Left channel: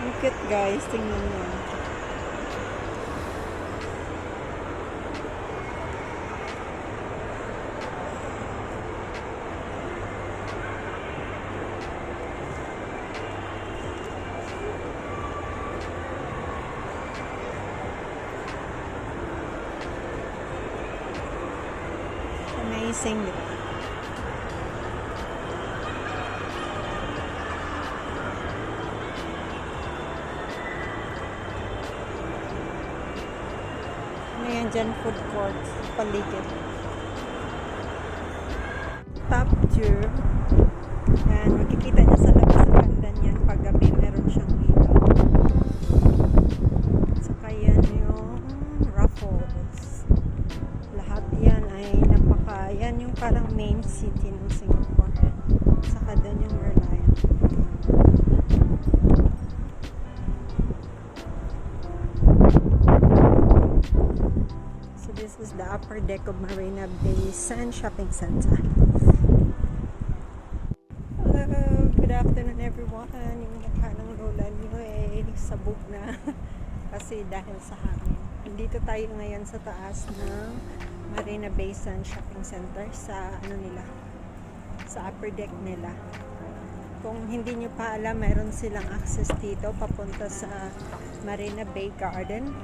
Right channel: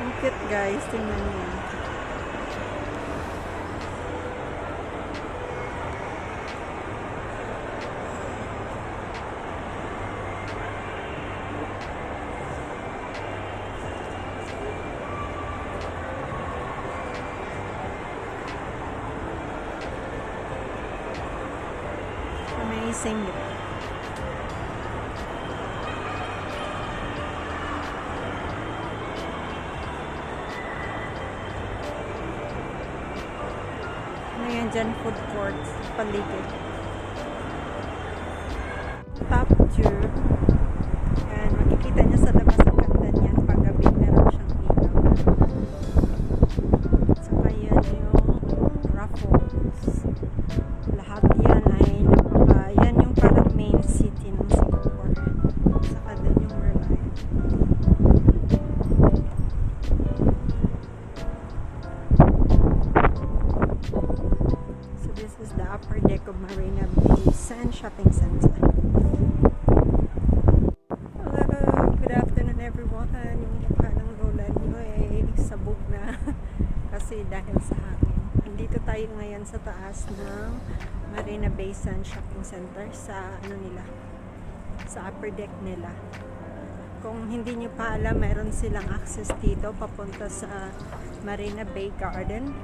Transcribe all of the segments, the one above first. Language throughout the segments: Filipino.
Ang cute guys, tingnan mo. Amazing, diba? Ngayon dyan, food court, paligid. Top 2. Yan, makikita niya sa labas ng ganda niyan. Pag gabi, meron siyang ilaw. Saka yan yung Raffles. Lahat yan ay yan yung parang main city ng Singapore. Saka doon yung Merlion. This is the upper deck of Marina Bay Sands Shopping Center. Hello! Good afternoon everyone. Yung mukha ng lola niyo ay sabog na kasi dahil sa hangin. Nandito tayo ngayon sa taas ng Marina Bay Sands Shopping Center sa nila, sa upper deck nila. Kung hindi nyo pa alam, meron silang access dito papunta sa Marina Bay Garden.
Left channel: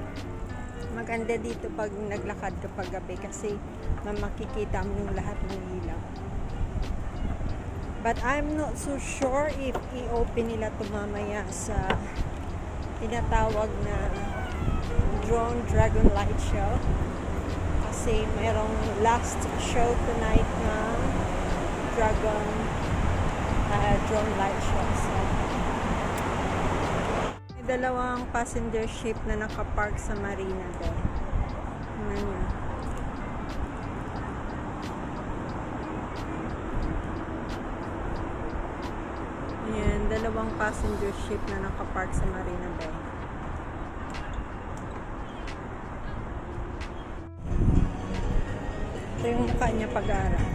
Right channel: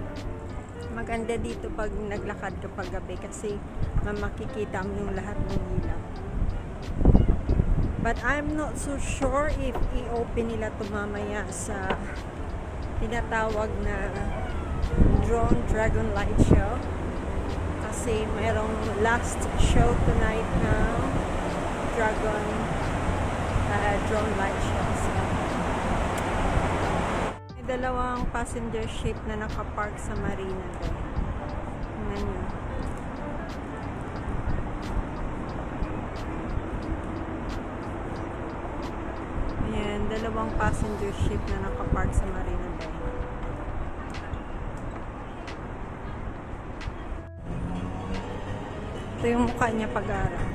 Maganda dito pag naglakad kapag gabi kasi makikita mo yung lahat ng ilaw. But I'm not so sure if i-open nila ito mamaya sa tinatawag na Drone Dragon Light Show. Kasi mayroong last show tonight ng Drone Light Show. So, dalawang passenger ship na nakapark sa marina doon. Tingnan nyo. Ayan, dalawang passenger ship na nakapark sa marina doon. Ito yung mukha niya pag-araw.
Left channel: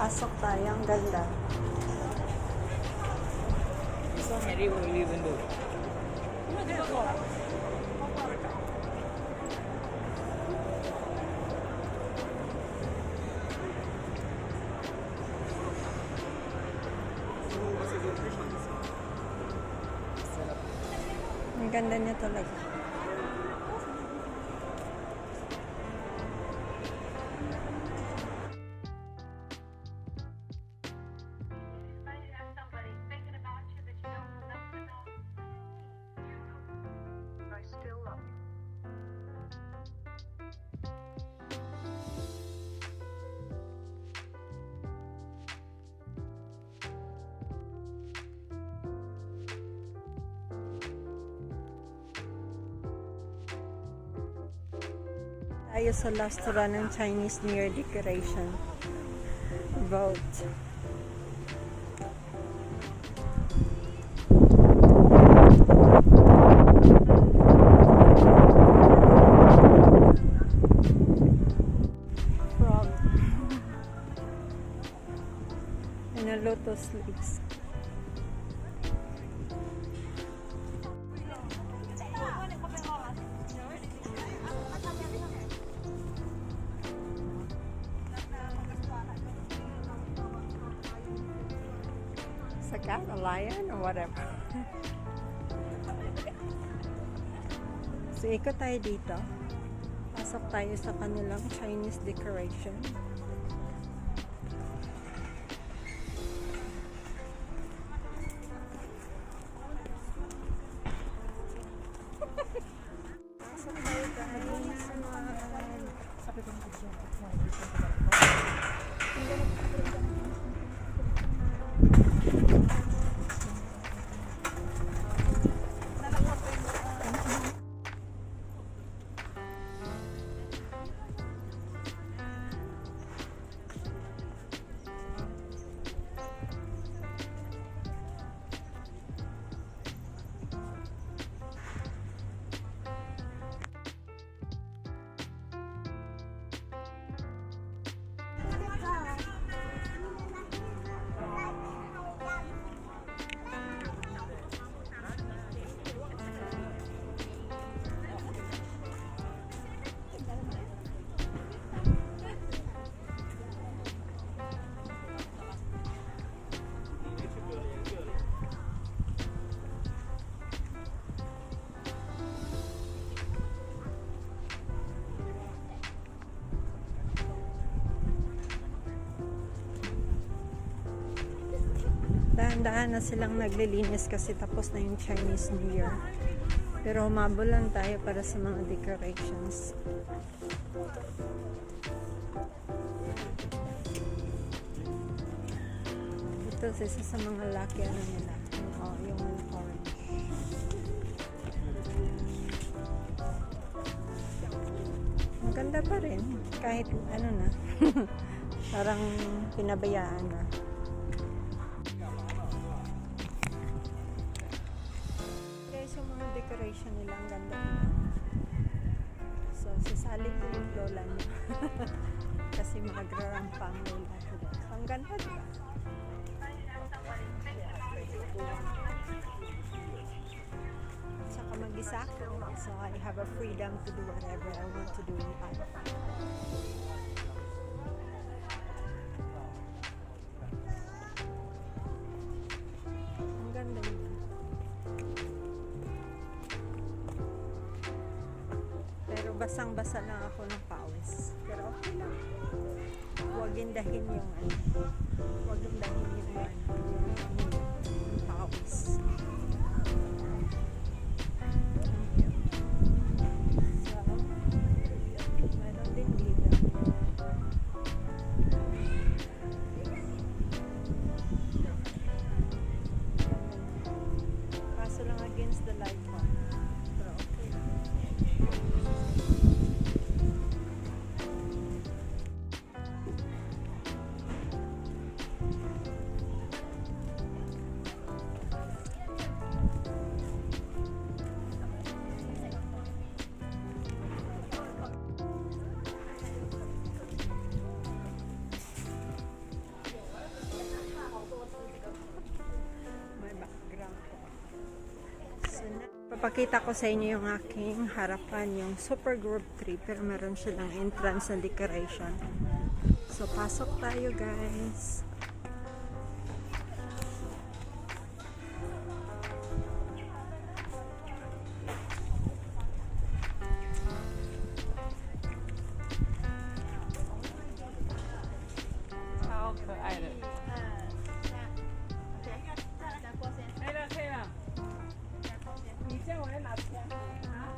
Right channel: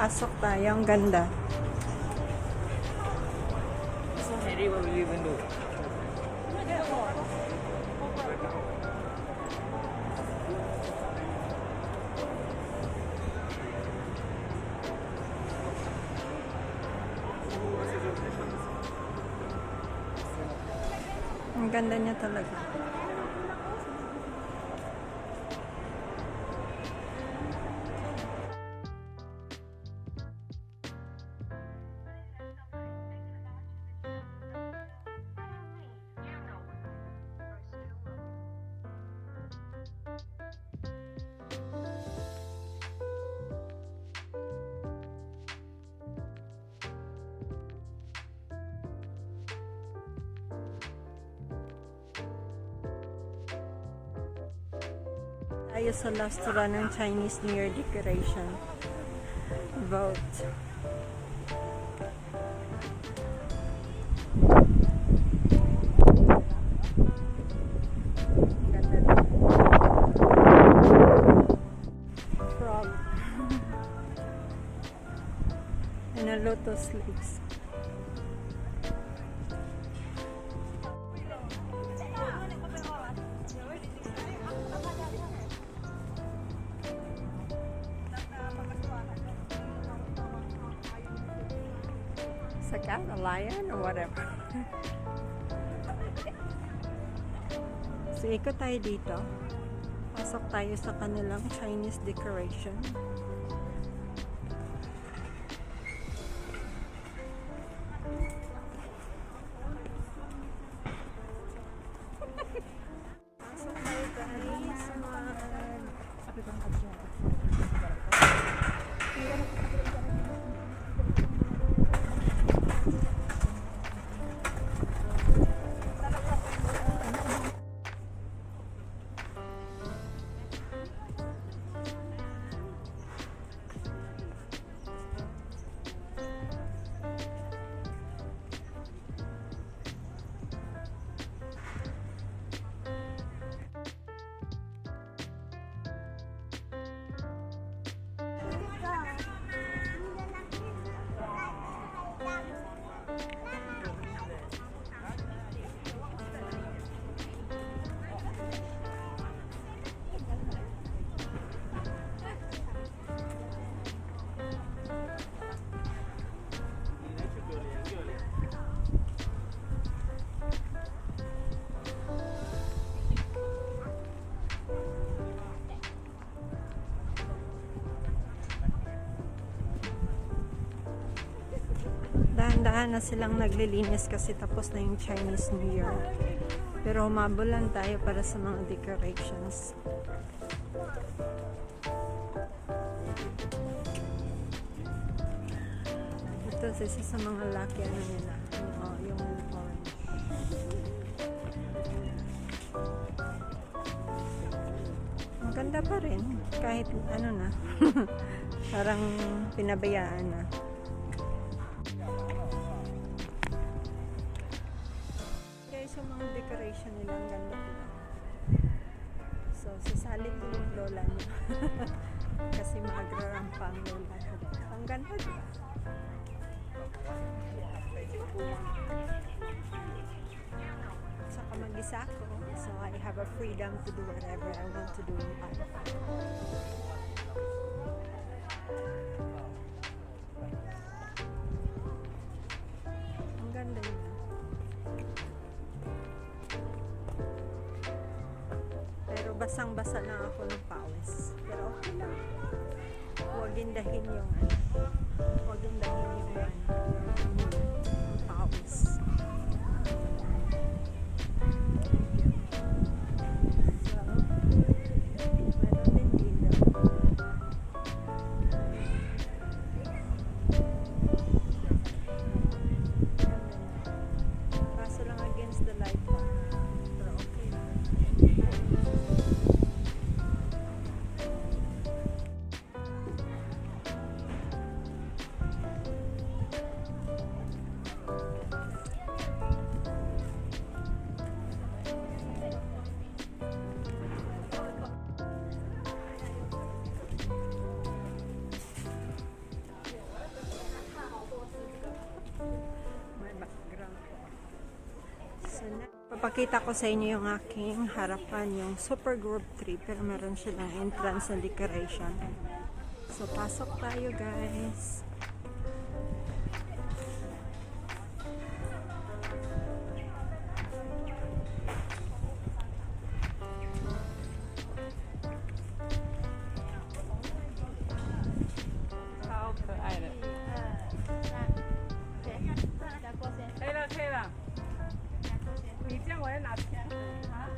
Pasok tayo, ang ganda. Ang ganda niya talaga. Tayo sa last run ng Chinese New Year decoration. Vote. Frog. And a lotus leaves. A cat, a lion, or whatever. So, ikot tayo dito. Pasok tayo sa kanilang Chinese decoration. Dahan-dahan na silang naglilinis kasi tapos na yung Chinese New Year. Pero humabulan tayo para sa mga decorations. Ito isa sa mga lucky ano nila. Yung orange. Maganda pa rin. Kahit ano na. Parang pinabayaan na. Guys, yung mga decoration nila ang ganda nila. So, sasali ko yung lola niya. Kasi magrarampa ang lola ko. Ang ganda, diba? Saka mag-isa ko. So, I have a freedom to do whatever I want to do in life. Ang ganda nila. Pero basang-basa lang ako ng pawis. Pero okay lang. Huwag indahin yung ano. Huwag indahin yung ano. Yung pawis. So, meron din dito. Kaso lang against the light pa. Pero okay lang. May background ko. So, papakita ko sa inyo yung aking harapan, yung Super Group 3, pero meron silang entrance na decoration. So, pasok tayo guys. How 可爱的。可以了。你这样我要拿钱啊。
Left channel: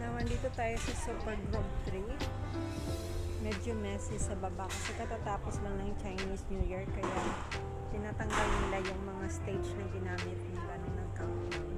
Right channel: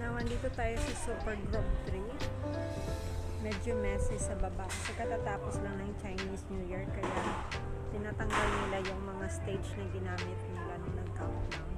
Now, andito tayo sa Super Group 3. Medyo messy sa baba kasi katatapos lang ng Chinese New Year kaya tinatanggal nila yung mga stage na ginamit nila nung nag-countdown.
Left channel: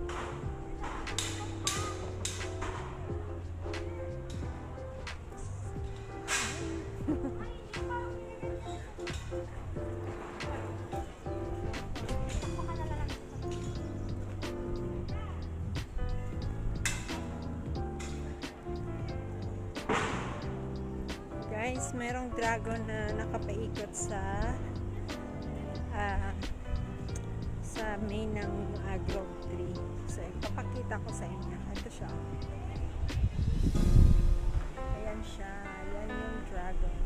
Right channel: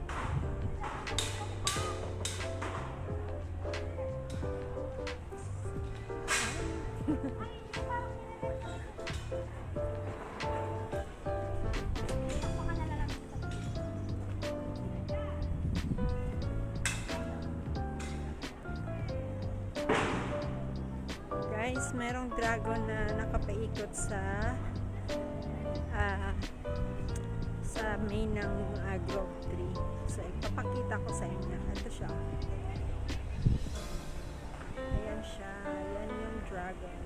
Guys, merong dragon na nakapaikot sa main ng Grove 3. So, ipapakita ko sa inyo. Ito siya. Ayan siya. Ayan yung dragon.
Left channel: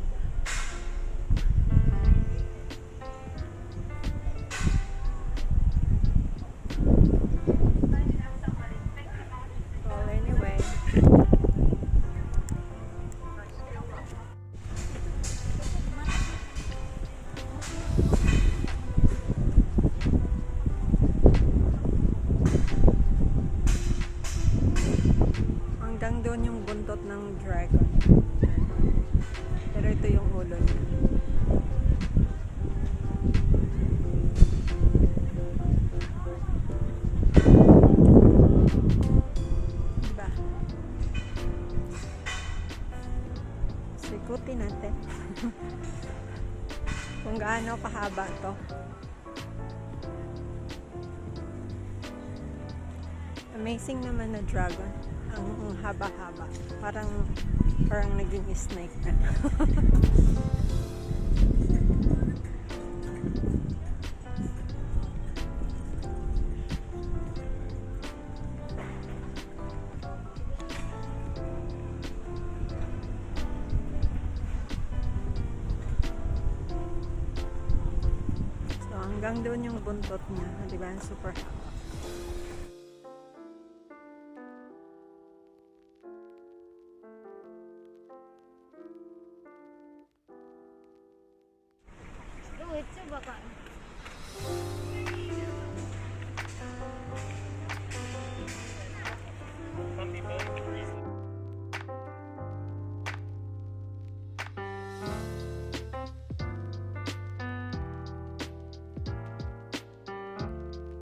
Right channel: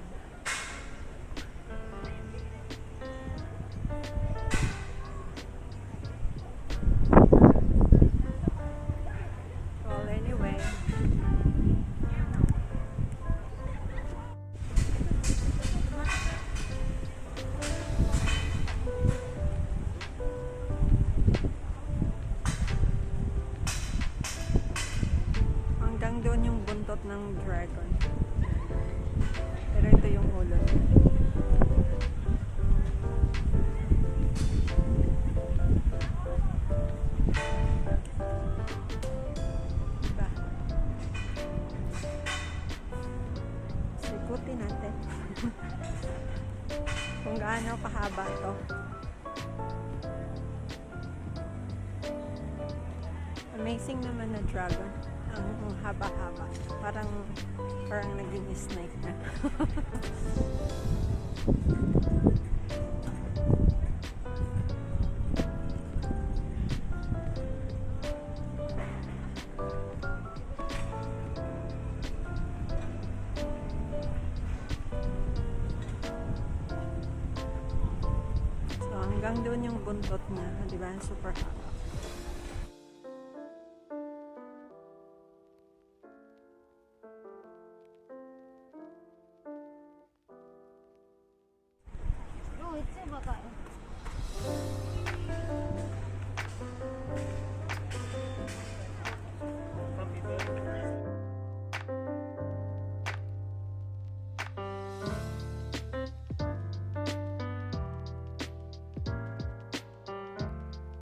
Well, anyway. Hanggang doon yung buntot ng dragon. Pero ito yung ulo. Diba? Sukutin natin. Kung gaano kahaba to. Amazing naman na dragon. Ang haba-haba. Parang naging snake na. Hanggang doon yung buntot niya, di ba? Super hot.